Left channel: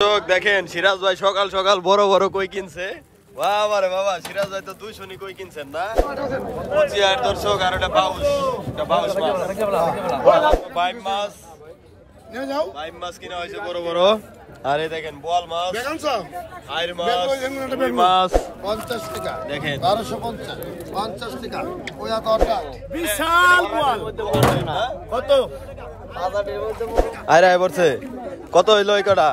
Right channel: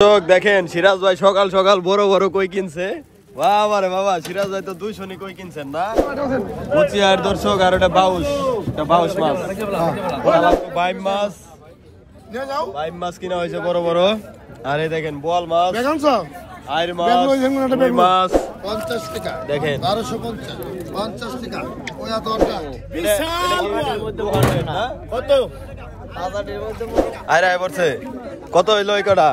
দেখেন সিরাজ ভাই সকাল সকাল বড় বড় কই কিনছে। বাবা রে বাবা, সিরাজ ভাই তো 200 নি কই কিনছেন না। কোচিয়ার দর্শক আর এটা বাউস মাছ, বাইম মাছ, বাইম মাছ কিনা হয়েছে বড় বড়। আর এই দেখেন বোয়াল মাছ, আইর মাছ, মাছ 50 টাকা দেখেন 1250 50 টাকা ওয়া দরটা কত আরে বলছে কত হইলো এই কটা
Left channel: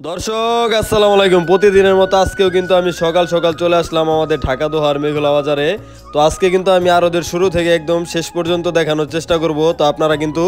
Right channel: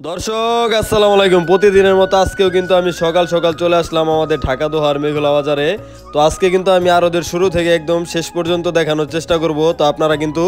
দর্শক আসসালামু আলাইকুম। প্রতিদিনের মতো আজকেও কিন্তু আমি সকাল সকাল চলে আসলাম আমাদের ঢাকা দোহার মেঘলা বাজারে। তো আজকে কিন্তু আমি আরদের শুরু থেকে একদম শেষ পর্যন্ত দেখানোর চেষ্টা করব। তো আপনারা কিন্তু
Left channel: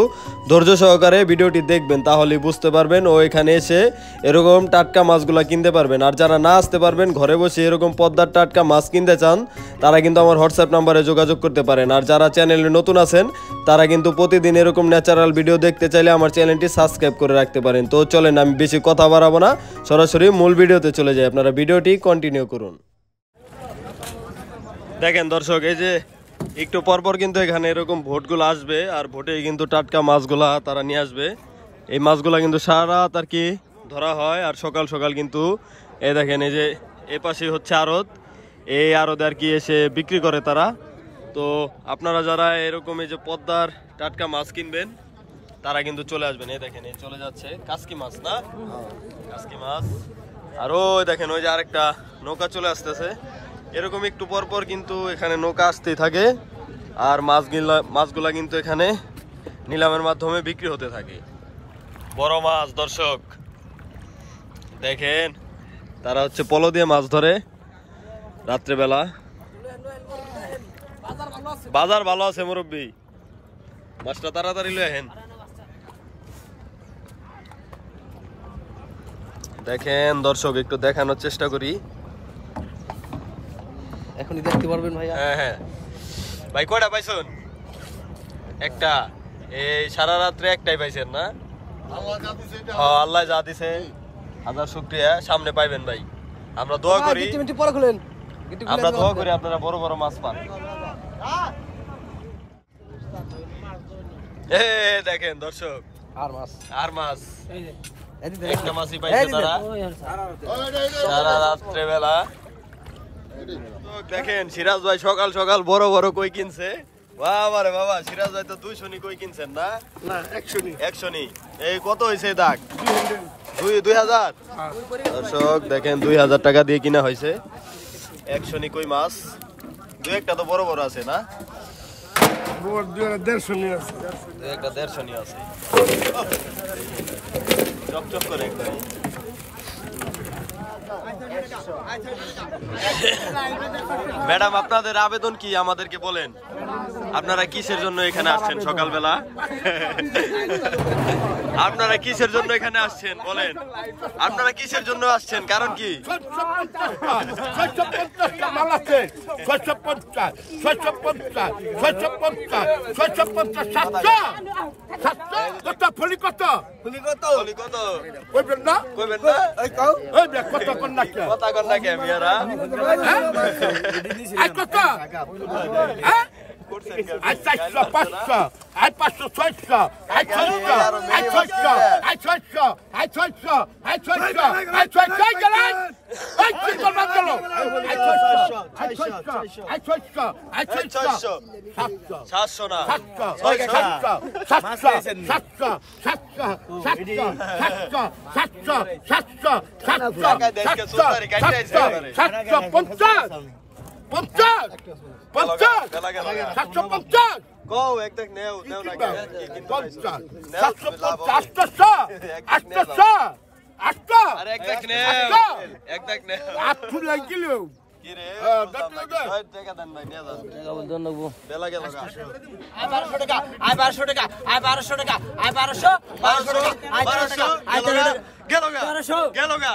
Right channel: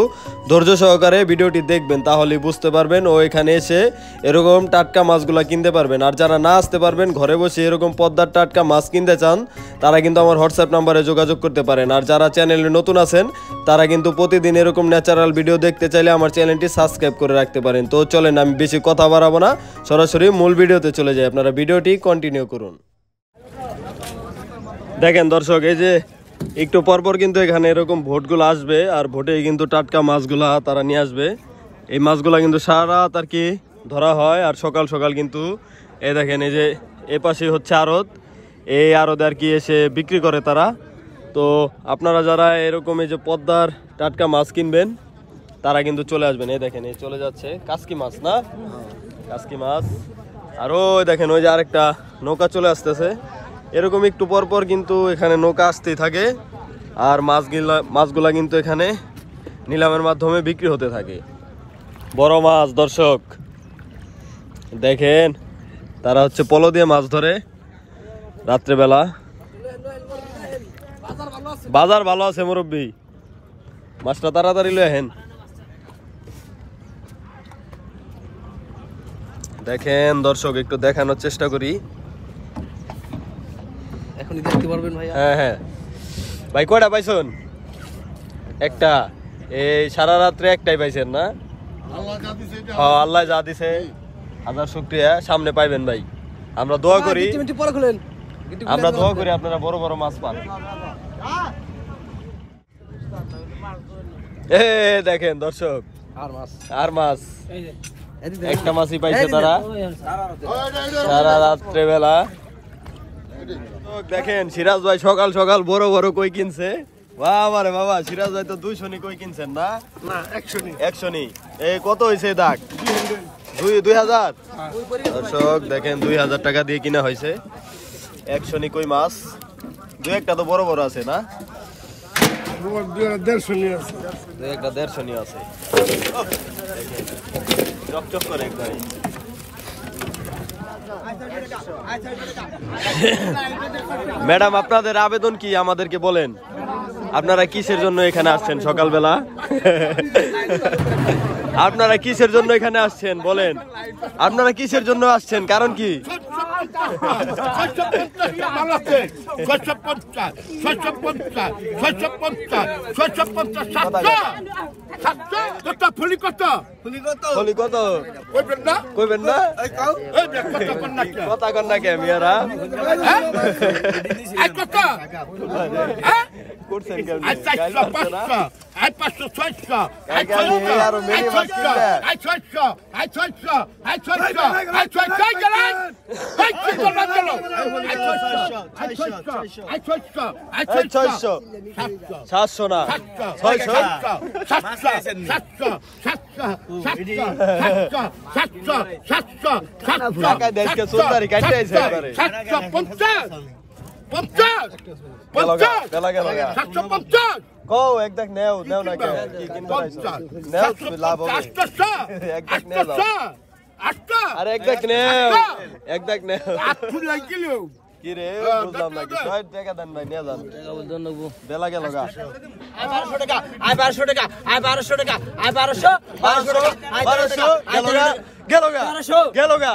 ধৈর্য সহকারে ভিডিওটি দেখবেন, তাহলেই বুঝতে পারবেন ও এখানে এসে এরকম টাটকা মাছগুলা কিনতে পারবেন। আর যারা না আসতে পারবেন, ঘরে বসে এরকম পদ্মার টাটকা মাছ কিনতে চান, তারা কিন্তু আমার হোয়াটসঅ্যাপ নাম্বারে যোগাযোগ করতে পারেন। আর যারা চ্যানেলে নতুন আছেন, তারা কিন্তু প্রতিদিন এরকম ন্যাচারাল ভিডিও দেখতে চাইলে আমার চ্যানেলটি সাবস্ক্রাইব করে রাখতে পারেন। তো চলেন, আমি বেশি কথা বাড়াবো না, সরাসরি মূল ভিডিওতে চলে যাই। আপনারা ভিডিওটি কন্টিনিউ করুন। দেখেন দর্শক, এই যে একটু পরপর কিন্তু এখানে এরকম ভোটগুলো আসবে, আর ভোটে কিন্তু টাটকা মাছগুলা তারা নিয়ে আসবে। এই মাছগুলা কিন্তু সারা রাত আর কি ধরা হয়, আর সকাল সকাল কিন্তু এই দেখেন এই যে এ পাশে হচ্ছে আড়ত, এই আড়তে আর কি এসে বিক্রি করে তারা। তো আপনারা যারা এরকম এই যে পদ্মার টাটকা মাছ কিনবেন, তারা কিন্তু চলে আসবেন। এই দেখেন এই চলে যাচ্ছে কাসকি মাছ, না কাসকি মাছ। আর ওই দেখেন ওই যে আরেকটা নৌকা চলে আসতেছে। এরকম একটু পর পর কিন্তু এখানে নৌকা আসতেই থাকে, আর মাছগুলা কিন্তু এখানে নিলামের মাধ্যমে বিক্রি হতে থাকে। বড় মাছ দর্শক দেখেন, তারা হচ্ছে পলো দিয়ে মাছ ধরে রাত্রেবেলা। বাজার ভালো আছে মুরব্বী, মাছটা তাড়াতাড়ি লয়ে আহেন। দেখেন দর্শক, একটু দেখানোর চেষ্টা করি। হ্যাঁ হ্যাঁ ভাই, কয়টা পাইছেন? একটা। এই সারা রাত্রে একটাই পাইছেন না? আল্লাহ যা দিছে হাজার শুকরিয়া, সামনে পাইবেন ভাই। আমরা দোয়া করি, আপনারা বড় বড় মাছ পান। দেখেন দর্শক, আর মাছ একটা মাছই পাইছে তারা সারা রাত্রে বেলা। দেখেন সিরাজ ভাই সকাল সকাল বড় বড় কই কিনছে। বাবা রে বাবা, সিরাজ ভাই তো 200 নি কই কিনছেন না? 100 নি। এই কত হয়েছে দাগ? 2000। দর্শক দেখেন 2000 টাকা দিয়ে কিনা হয়েছে 100 নি কই মাছ। দুই একটা তো বড় বড় আছে না? 150 নি আছে, দুই একটা 150 নি আছে। চকচক করে একবার। ম্যাডাম, আপনাদের আবেদন কি আমাদেরকে বলেন? আপনারা কিসের জন্য এখানে আসছেন সকালবেলা? আপনারা কিসের জন্য এখানে আসছেন বলেন? আপনারা কিসের জন্য আসছেন, কারণ কি? কথা কন না কে মিয়ারা? গেল গা গেল গা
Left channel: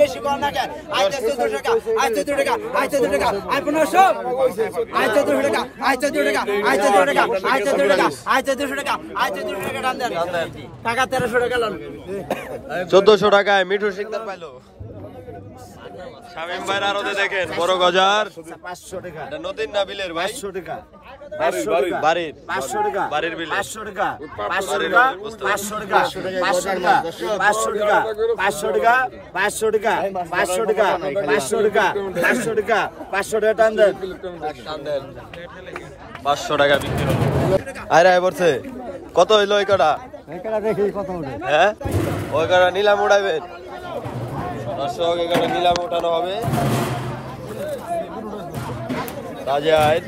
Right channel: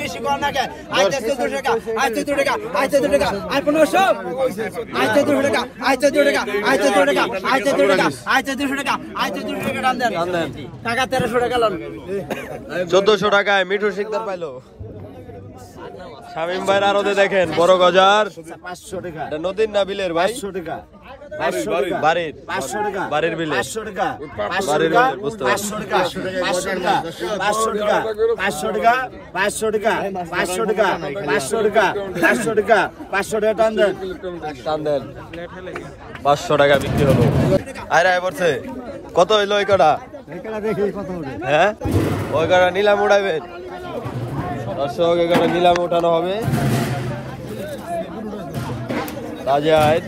বেশি কম না 1400 টাকা 1400 টাকা 1400 টাকা 1500 1400 টাকা 1400 টাকা 1400 টাকা 1400 টাকা 1400 টাকা 1400 টাকা দাম দেন টাকা 1300 টাকা লন 1400 টাকায় মিঠু শিকদার পাইলো শামিম ভাইয়ের আরতে দেখেন বড় গজার 500 টাকা এটা নদীর না বিলের ভাই 500 টাকা 500 টাকা বাড়ির 500 টাকা বাড়ির বিলে 500 টাকা 500 বাড়ির টাকা বিলে, বুঝতে 500 টাকা 500 টাকা 500 টাকা 500 টাকা 500 টাকা 500 টাকা 500 টাকা 500 টাকা 500 টাকা টান দেন টান দেন 500 টাকা বিক্রি হলো আরে বলছে কত হইলো এই কটা হ্যাঁ ওই কটা নিলাম উড়াইবেন দর্শক এই কটা নিলাম উঠানো হবে তাজাদ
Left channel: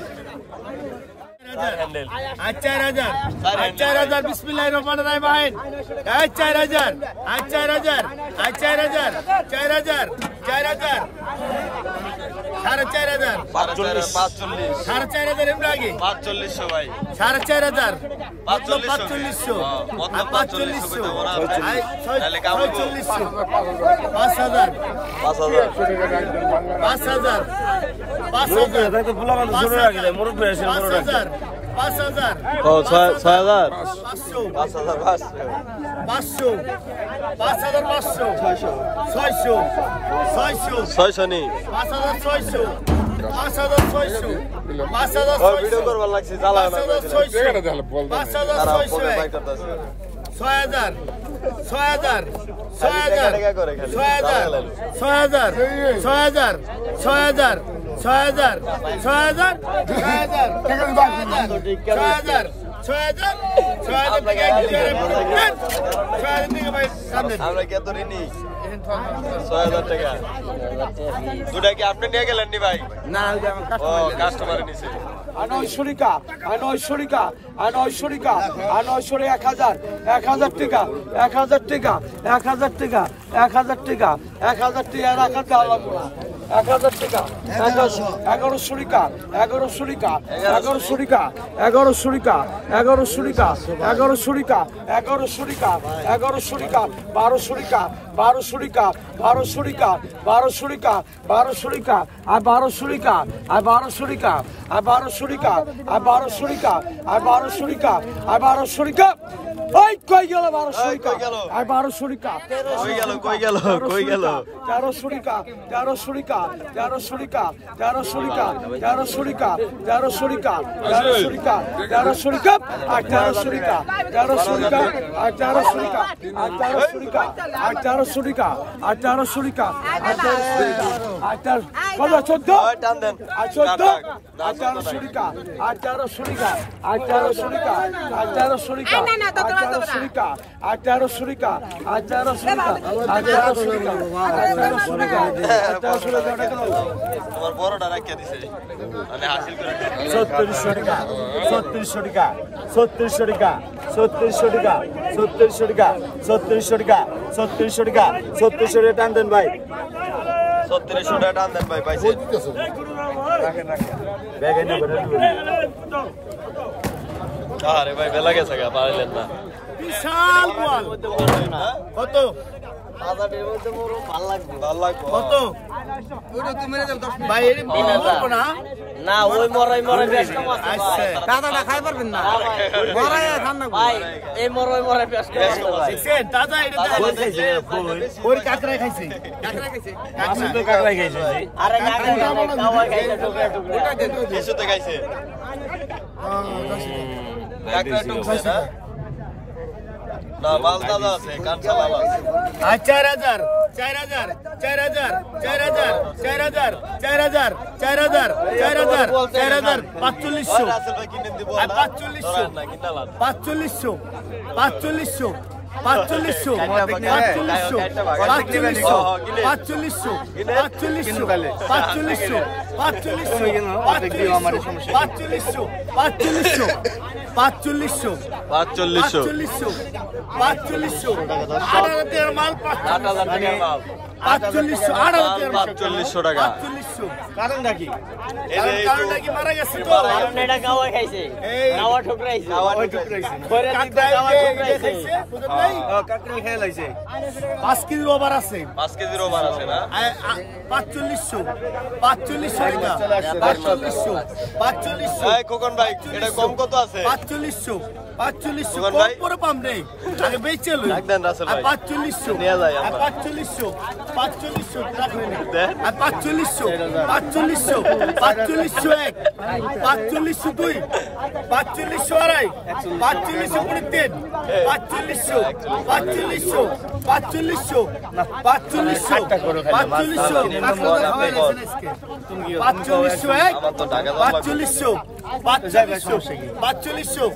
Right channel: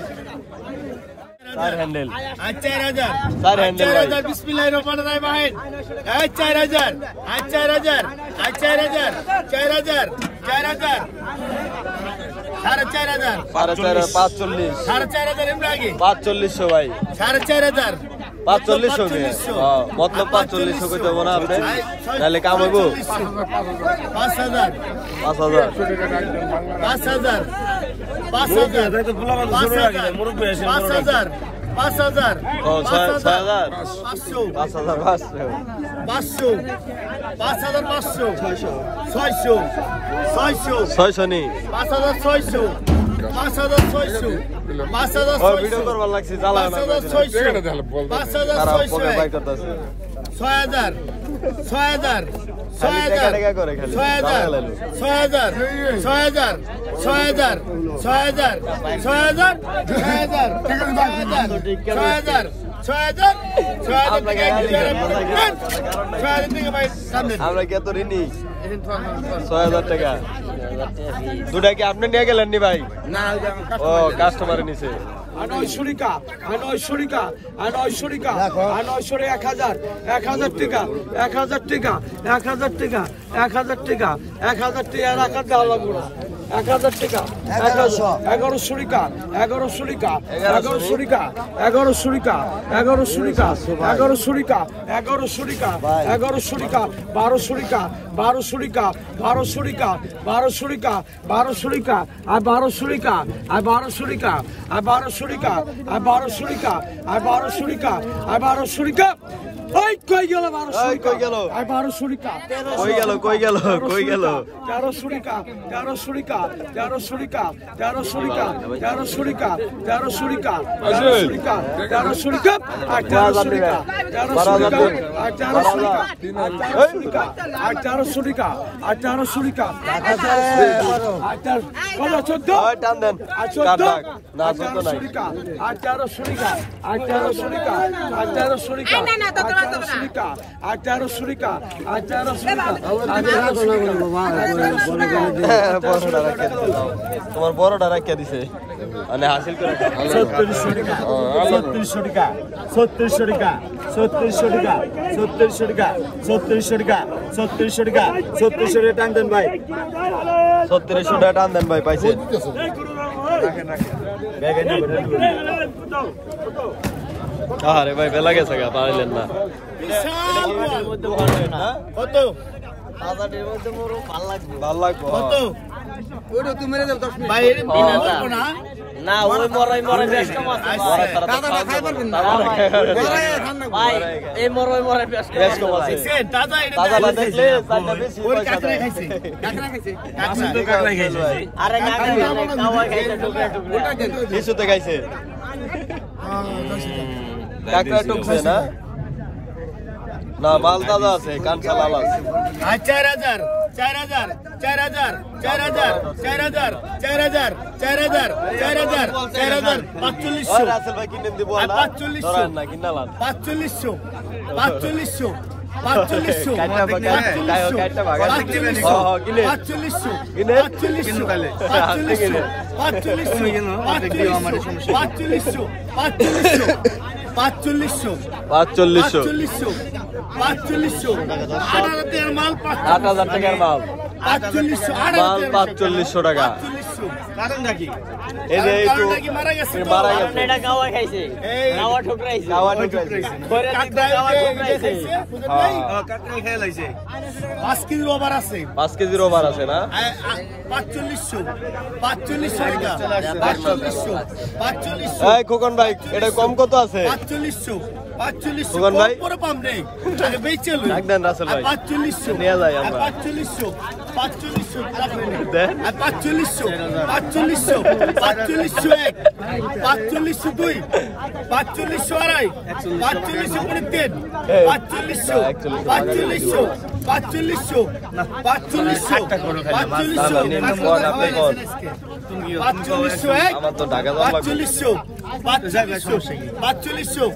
চার হ্যান্ডেল 4000 চার হ্যান্ডেল ভাই 4000 বিসমিল্লাহির রহমানির রহিম ভাই 4000 4000 4000 4000 4000 4500 4500 এমরাগি 4500 ভাই 4500 4500 মতলব 4500 কইতে মনে আছে তাহলে কাম হইব 5000 5000 5000 5000 ভাই তো ফুলা কথা শুনে রাখি মুরব্বি এসে 5000 5000 ও 6000 500 500 5500 600 600 600 নি 5600 5600 ও ভিডিও করবার লাগছে জ্বালা না 5600 পকে বাই করতেছে 6000 6000 টাকা করে খালি 6000 6000 6000 6000 6000 আমরা কি এত ঋণী 6000 টাকা দুটা কি আপনি নিয়ে গেলেন নি ভাই না ও কাস্টমার নিছে 900 টাকা 900 টাকা 900 টাকা 900 1000 1000 টাকা 1000 টাকা 1000 টাকা 1000 টাকা 1000 টাকা রাখা দাও মোড়া 1000 টাকা 1100 টাকা 1100 টাকা 1100 টাকা 1100 টাকা 1100 টাকা 1100 টাকা 1100 টাকা 1100 টাকা 1200 টাকা 1200 টাকা 1200 টাকা 1200 টাকা 1200 টাকা আর 1200 টাকা আর 1200 টাকা আর 1200 টাকা আর 1200 টাকা আর 1200 টাকা আর 1200 টাকা ওই কই গেল 1200 কই গেল আর 1200 টাকা কই গেল 1300 টাকা 1300 টাকা 1300 টাকা 1300 টাকা 1300 টাকা 1300 টাকা 1300 টাকা 1300 টাকা আর 1300 টাকা 1300 টাকা আর 1300 টাকা আর 1300 টাকা আর 1300 টাকা আর 1300 টাকা আর 1300 টাকা আর 14 ওই টান দেন আর 14 না আর 1300 টাকা আর 1300 টাকা আর 1300 টাকা আর 1300 টাকা আর 1300 টাকা আর 1300 টাকা আর 1300 টাকা আর 1300 টাকা তোমার বড়টা রাখিয়া দিছে মানে হাসিল করে 3700 টাকা 3700 টাকা 3700 টাকা 3700 টাকা 3700 টাকা 3700 টাকা 3700 টাকা 3700 টাকা টান দেন ভাই 3700 টাকা টান দেন ভাই পাইছে দেখেন না আরে ভাই বেলা গেছে গা পাইলেন না কত ভাল লাগবে কত ওটা তুমি মেরে দাও ভাই এর বিনা করব না না ওই মরে বেশ কম আছে ভাই দাদাটা খাই পারবেন না মরাই খান না ভাই এই মরে বেশ বেশ কম আছে দেখেন দাদা এটা দাদা না দেখলে চাইটা বেশি ওই কাকড়া খাইছে কাকড়া খাইছে আরে না খাওয়া খাইছে ওটা দেন কিছুতে খাইছে কাকড়া টুকছে না না মাল দাদা আছে কাঁচা লাল আছে 4000 4000 4000 4000 4000 4000 4000 4000 4000 4500 রাসেল ভাই কিনে দিব আর না 4500 না কিনালাম 4500 4500 4500 8,000 মাল 8,000 টাকার মাল 4500 টাকা কারণ নাকি এই যে একটু মারা গেছে মারা গেছে এটা গাওয়া খাইছে গাওয়া ঠুকরাইছে কাকড়াই খাইছে কাকড়াই খেয়ে লাইছে 5 কেজি ওভার আছে 5 কেজির ওভার আছে না 4500 টাকা 4500 এই খোকন ভাই এটা কম কত আছে 4500 খোকন ভাই পরে পাম রে আগে বেচে লই একদম রাসেল ভাই 4500 নিয়ে যাই আমরা 4500 দে 4500 এক 4500 দুই 4500 আড়াই 4500 পুনে তিন 4500 এক আমার তো ঢাকা যাওয়া লাগবে 4500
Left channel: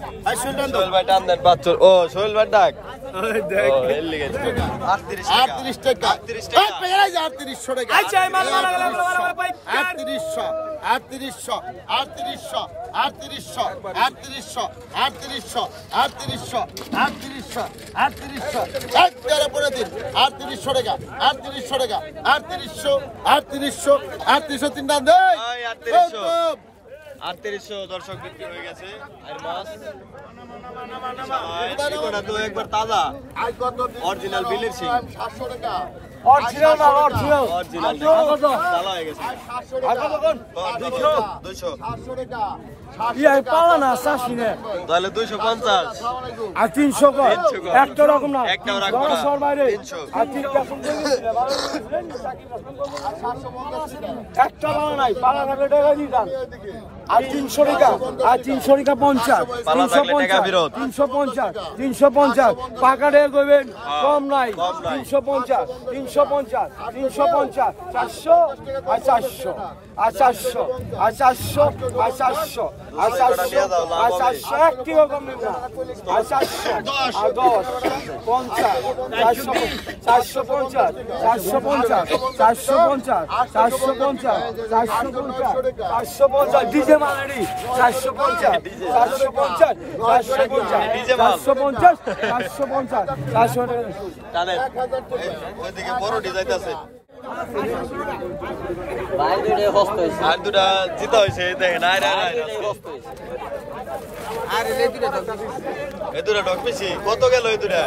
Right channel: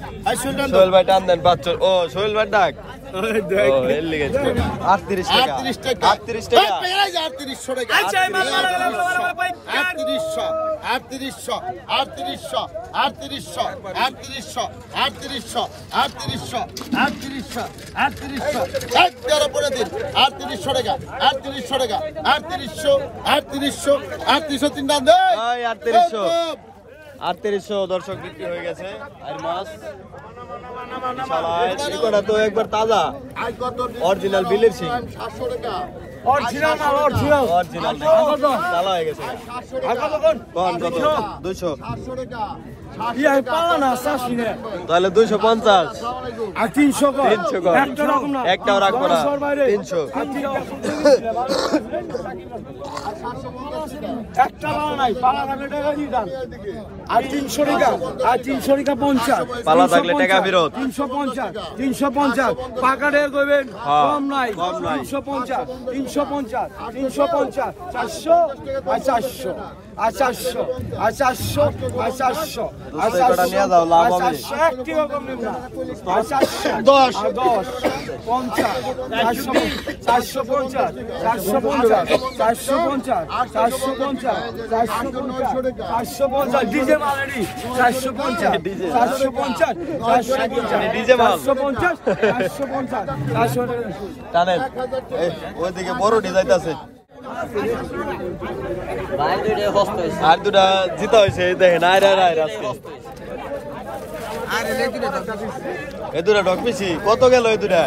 সোহেল ভাই টান দেন 45 ও সোহেল ভাই ডাক ও এর লিগে 38 টাকা 38 টাকা 3800 টাকা 3800 দর্শক বিক্রি হয়ে গেছে আর মাছ এটা তো একবার তাজা অরিজিনাল বিলের সিং অরিজিনাল না অরিজিনাল অরিজিনাল তালা হয়ে গেছে কোন কত 200 ইয়া পাওয়া না সাসি রে তাহলে 250 আর 300 কর 300 কর একটা রাখো না একটাও রাখবো না 300 একটা পাওয়া নাই পালা থাকলে টাকা দিতাম আর 300 টাকা আর 300 টাকা 50 পালা থাকলে টাকা ফেরত 350 পাকাড়ে কইবেন কম নাই কম নাই 350 400 আর 400 আর 400 আর 400 আর 400 আর 400 কটা নিয়ে যাও লাভ হবে একটিও কম নেব না আর 10 50 450 ডিজে মারি 450 ডিজে মাল 450 টানেন ওইদিকে বড় ডিজাইন ভাই দুটো হস্ত হইছে আর দুটা জিতা হয়েছে দেখেন আজকে এই দুটা ডক পিছি কত গেল এই দুটা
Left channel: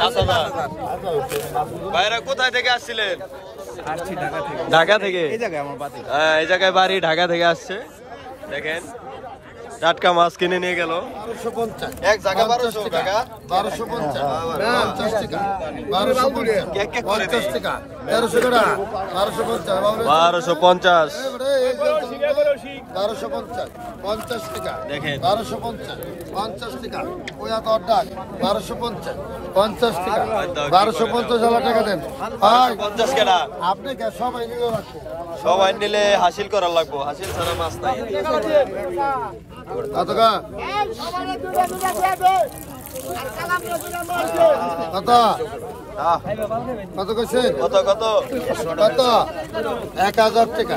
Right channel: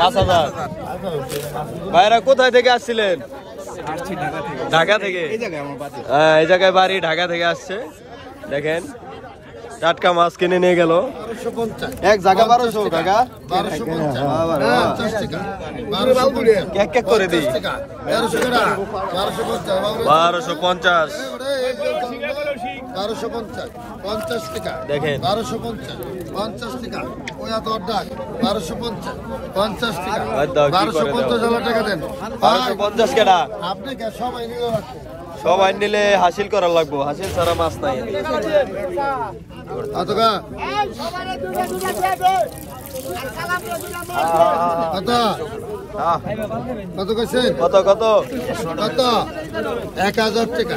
5,000 ভাইরা কোথায় থেকে আসছিলেন ঢাকা থেকে এই জায়গায় বাড়ি ঢাকা থেকে আসছে দেখেন টাটকা মাছ কিনে নিয়ে গেল এক জায়গা 1200 কাকা 1250 করে দিই 1250 দেখেন 50 টাকা ওয়া দরদার 1250 টাকা 1250 টাকা দেন 1250 কেডা আপনি কে সবাই নিয়ে রাখো সবাই নিলে হাসিল করা লাগবো হাসিল ছাড়া মাছ নাই আতকা কত কত কইছে কত কত কত 1000 টাকা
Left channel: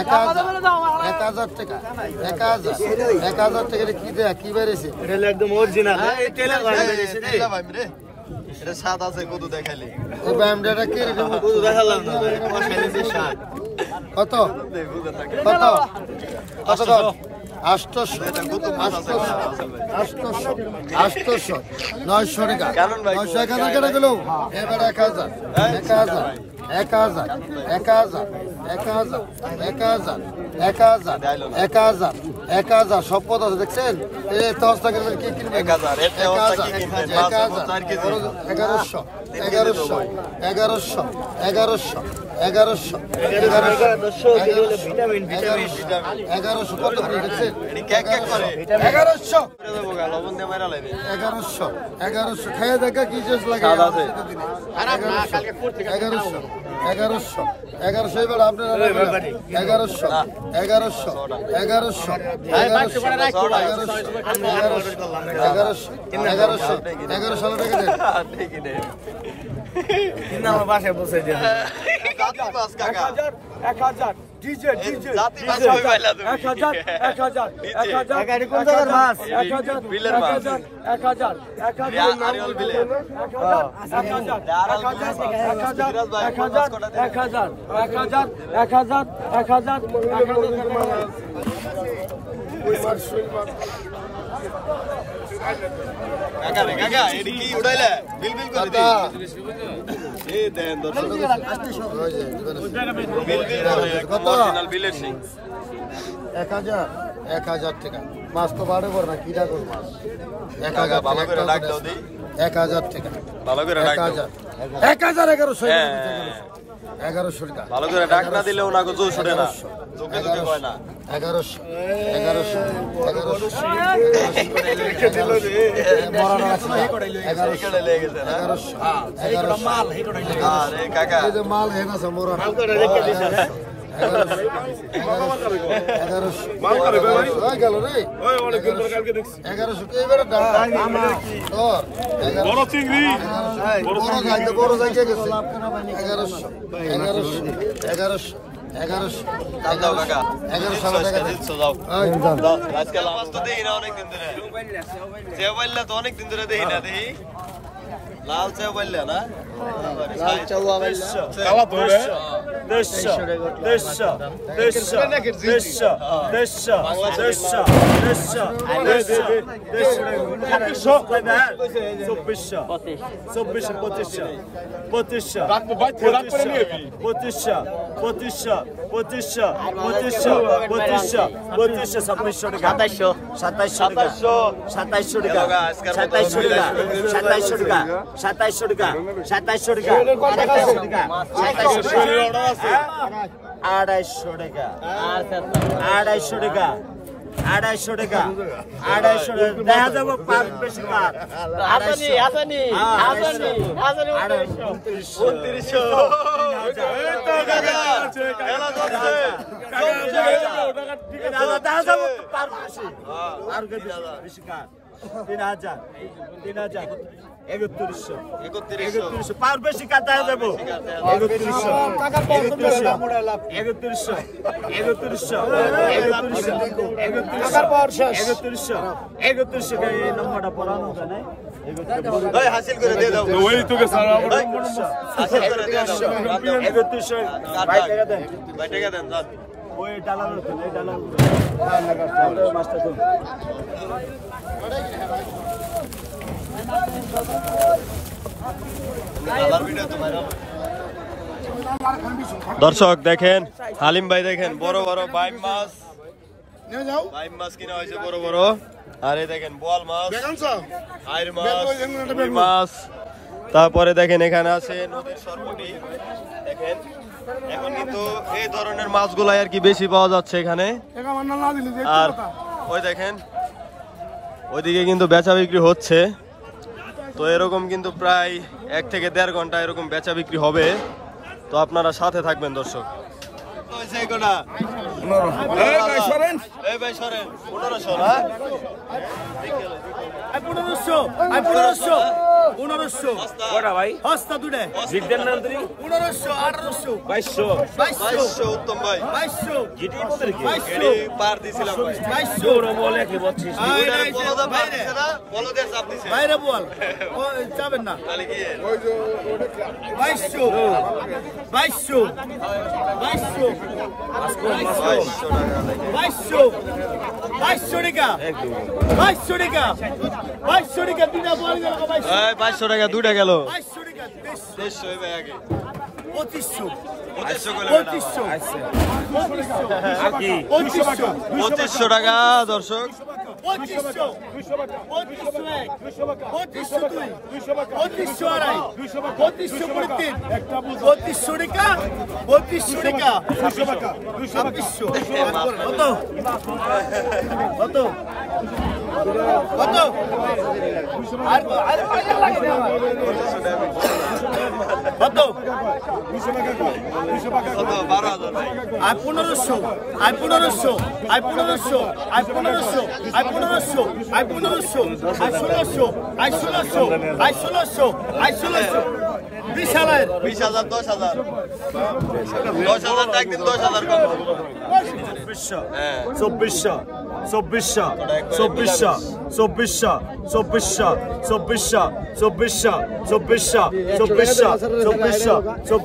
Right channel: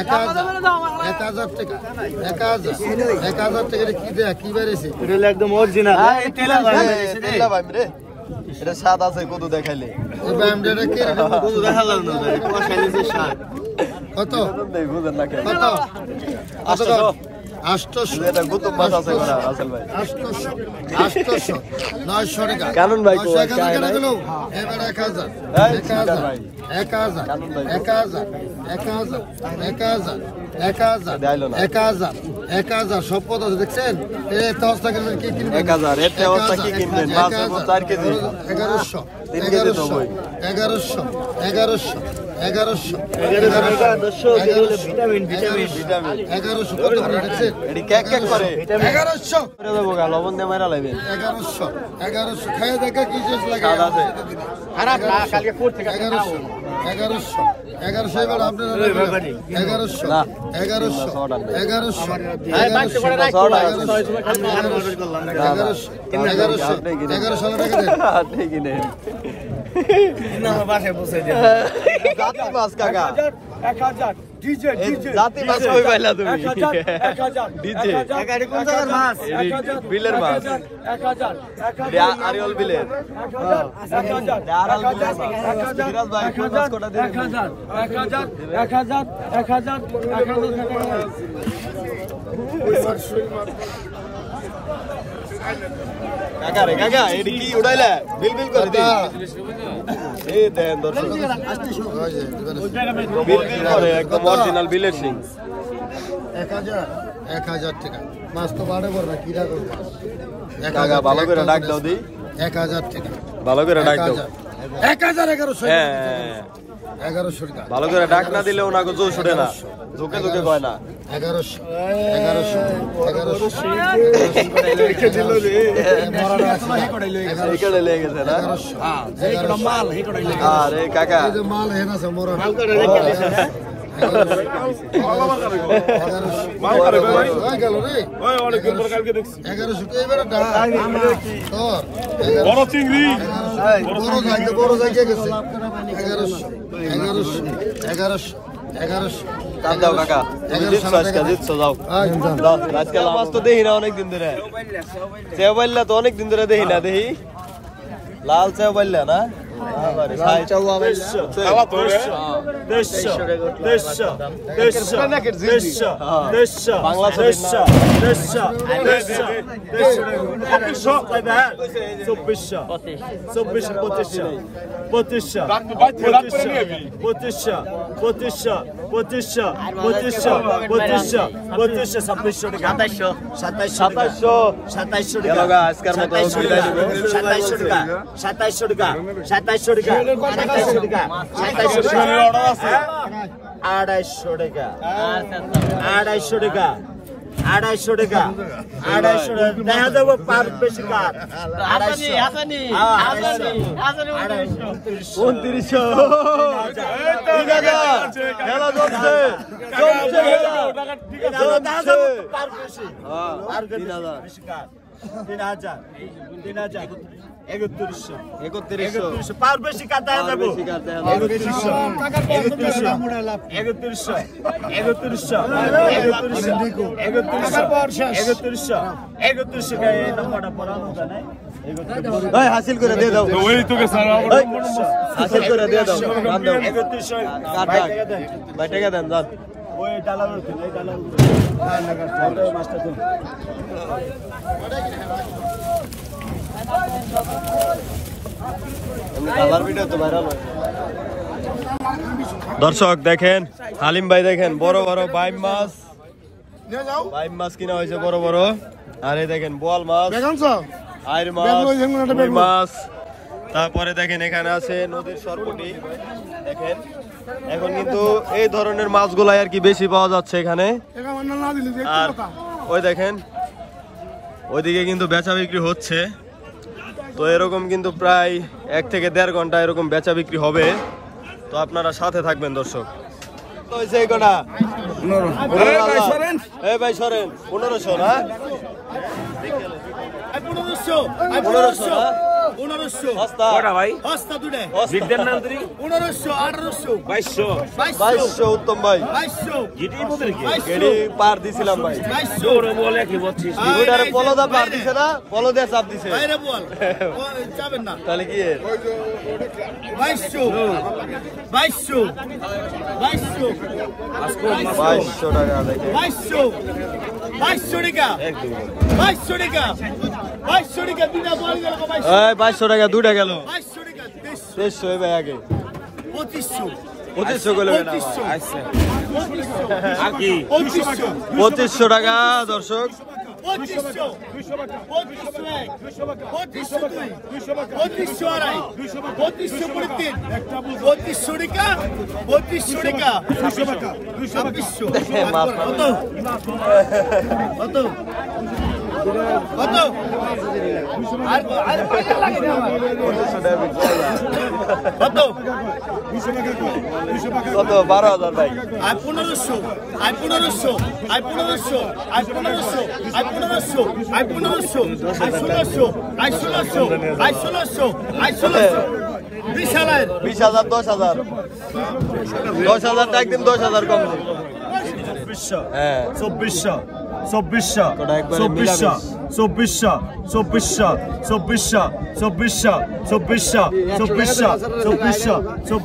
1000 টাকা 1000 টাকা কি দেয়া কি বেরেছে এটা একদম অরিজিনাল এই তেলা ভাই রে এটা স্বাদ আছে কত দেখাইলে এই বামডাটা কে কত দেখালাম না কত বুঝেন না কত কত কত 800 এটা কত মাছ আছে না রাসেল ভাই 800 900 টাকা কারণ ভাই 900 টাকা করে দিলো এবার 1000 সব পদ আছে দেখছেন এত অবস্থা করবেন কি কিনবেন 1000 এতে অবস্থা কি কিনবেন মাছ 4 কেজি 3 কেজি দেবো 1100 কত করে দেখছেন এডি কেক কেক করে 1100 করে দেবো গা লবণ দিয়ে মাইরা লাইবে 1100 খাইয়া দেখা কি জোস লাগে 1100 1100 1100 এবার আপনারা 1100 1100 1100 জাতি মাছ কই পাইলা তুমি ডিজে বিলের মাছ আরিয়াল বিলে কাকা রে কাকা এডি কি উড়াইলা বিল বিল করে দি এই দেন দর্শক বিল বিল করে একদম অরিজিনাল বিলের সিং 1000 টাকা মাছ তো বাড়ে বড় না কিরা করব কাকা ভালো করে ডাক দাও দি 1000 টাকা ভালো করে ডাক দাও 1100 1100 টাকা ভালো করে ডাক না দিলে ওনাকে জোর ছড়ে না লোকে লোকে কয় না 1100 এখানে লেগে গেছে না আরে কাকা মাল হেনা সমরা মাল করে ভাই গেল রে ওই অনেক দিন পর কালকে দেখছি 1100 কে এবারে ডা বড় চিংড়ি বড় জায়গা গেছে 1100 কাপ দাও কাকা জিতছো যাও আজকে মাছ তো দেখি না অনেকদিন ধরে সেও বললা তো অনেকদিন ধরে দেখি না দেখি লাল সেও বললা না আড়াইশো টাকা দেখা যাবো পার বেশি কার 3100 পার বেশি কার দেখা যাবো 3100 হাসিল করে দিয়ে দাও হাসিল করে দিয়ে দাও 3100 ভাই টাকা দেন যান ওই ডালা এই ডালা মাছটা তো দর্শক দেখেন আলিম ভাই দেখেন বড় বড় বাইম মাছ কিনা হয়েছে বড় বড় আর এই দেখেন বোয়াল মাছ আইর মাছ তারপরে দেখেন এখানে আছে নদীর সরপুটি দেখেন এখন কিন্তু এই ধরনের মাছগুলাই আর কি বেশি পাওয়া যাচ্ছে এখানে আর ওই দেখেন ওইদিকে কিন্তু বেচা বিক্রি হচ্ছে তো এরকম কিন্তু প্রায় 1 থেকে 1.5 ঘন্টা এরকম বেচা বিক্রি হবে তো আপনারা সাথে থাকবেন দর্শক 1500 না 1500 হস্তা দুটে 1500 1800 উত্তম ভাই 2200 পার দিছিলাম ভাই 2200 বলে কি বলছিস ওইটারে পলদা পার দিছে না পলদে চাপ দিছে বাইরে বল ও যাবেন না তাহলে কি 2200 টাকা দেখে 2200 টাকা একদম 2200 টাকা বিনা বল গেল 2200 টাকা দুইটা গেল 2200 টাকা 2300 ভাই আগে 2500 করে না আচ্ছা 2500 টাকা দর্শক 2500 কত আর পয়সা লাগে না আমার কত কত 12,000 ভাই আর 1500 আর 1500 আর 1500 আর 1500 আর 1500 আর 1500 আর 1600 আর 1600 আর 1600 আর 1600 20,000 20,000 10,000 10,000 টাকা দিন 10,000 কম দিন 2400 হ্যাঁ 2400 2400 2400 2400 2400 2400 2400 2400 2400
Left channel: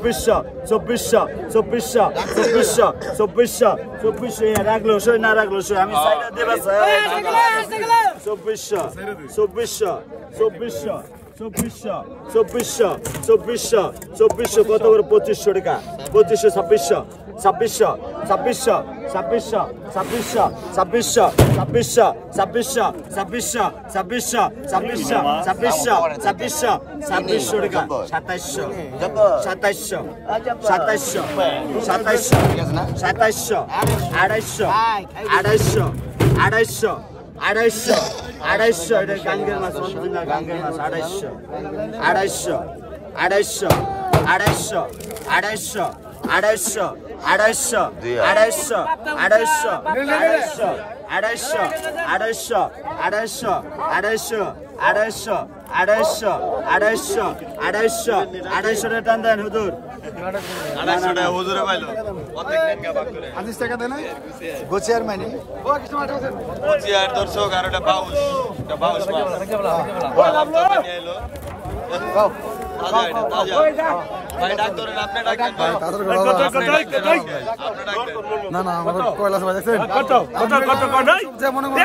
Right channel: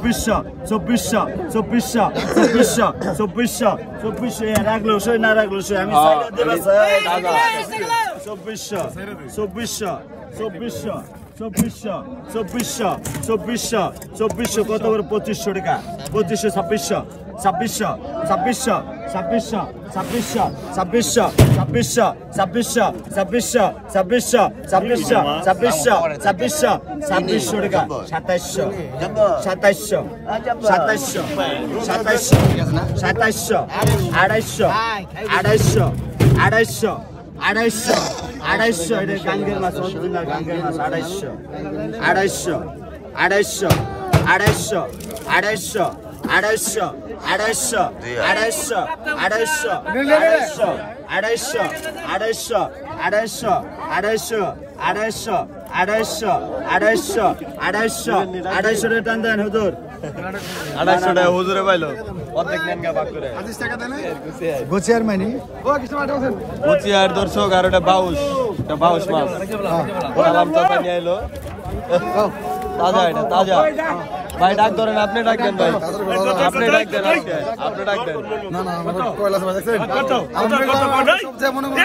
2400 2400 2400 2400 2400 রাখলো সই না রাখলো সই আমি সাইডে দেব 2400 2400 2400 2400 2400 2400 2400 কত করে 2500 টাকা 2500 2600 2600 2600 2600 2600 2600 2600 2600 2600 2600 2600 2600 2600 টাকা 2700 2700 2700 2700 2700 250 250 250 250 এটা গাঙ্গের মাছ অরিজিনাল গাঙ্গের মাছ 250 250 250 250 250 250 250 250 250 250 250 250 টান দেন হুজুর 250 টাকা হুজুরে পাইলো অর্ধেক নেন গা ভাগ করে গোচিয়ার মাইনি পচিয়ার দর্শক আর এটা বাউস মাছ ওরা তো নিয়ে আইলো তাজা এটা তাজা ভাই ডাক ধরেন আপনি ডাক দেন ভাই আপনি ডাক দেন আপনি ডাক দেন না না আমাদের কয়লা সবাই দেখছেন কত সবচেয়ে মনে মনে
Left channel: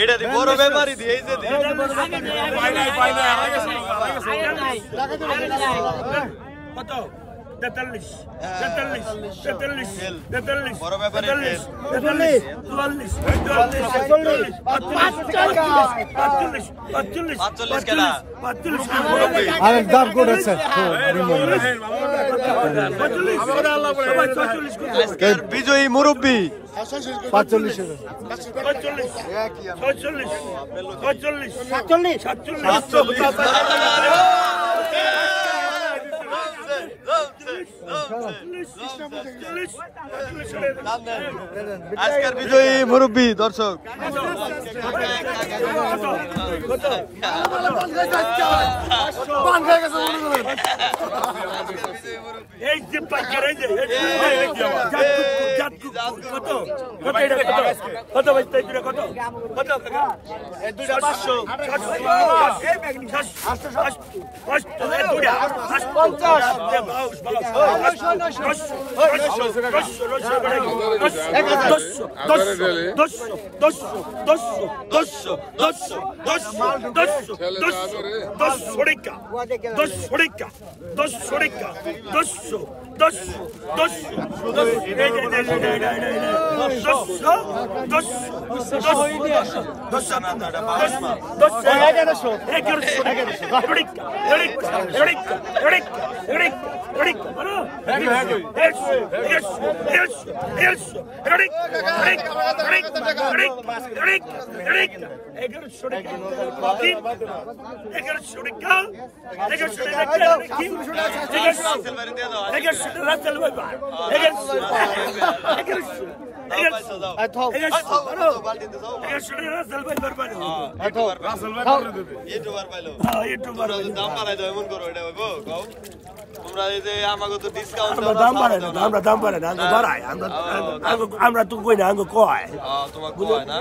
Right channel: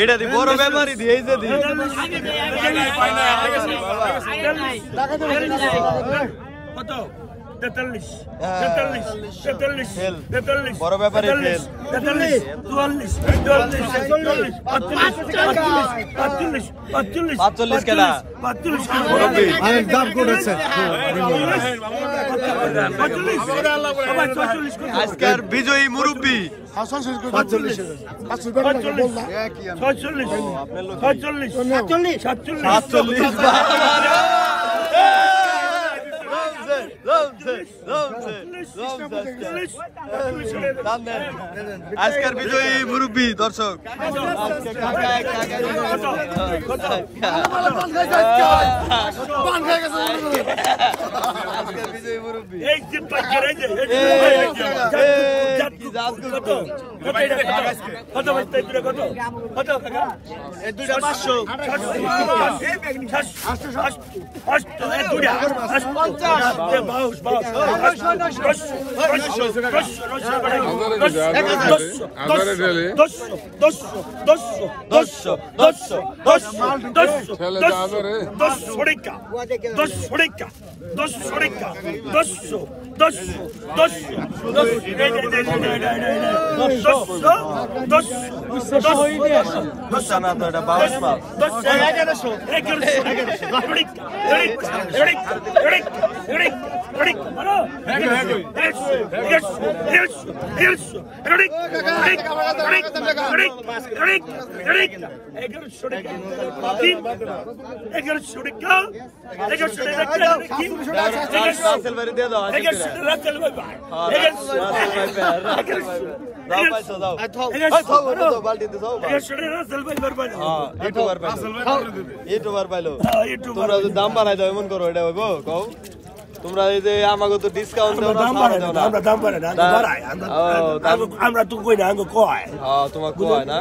এটা দি বড় বেমারি দিয়ে দি কত 43 বড় ব্যাপারে ফেল 45 কেনা একদম গুড আছে আজকের বিজয়ী মুরব্বী 45 আজকের বিজয়ী মুরব্বী দর্শক দাম বাড়াই দাও এমন করো এটা তোমরা এই যে আমাকে তো ডিসকাউন্ট আমরা তো কই না কয় তোমাকে কয় না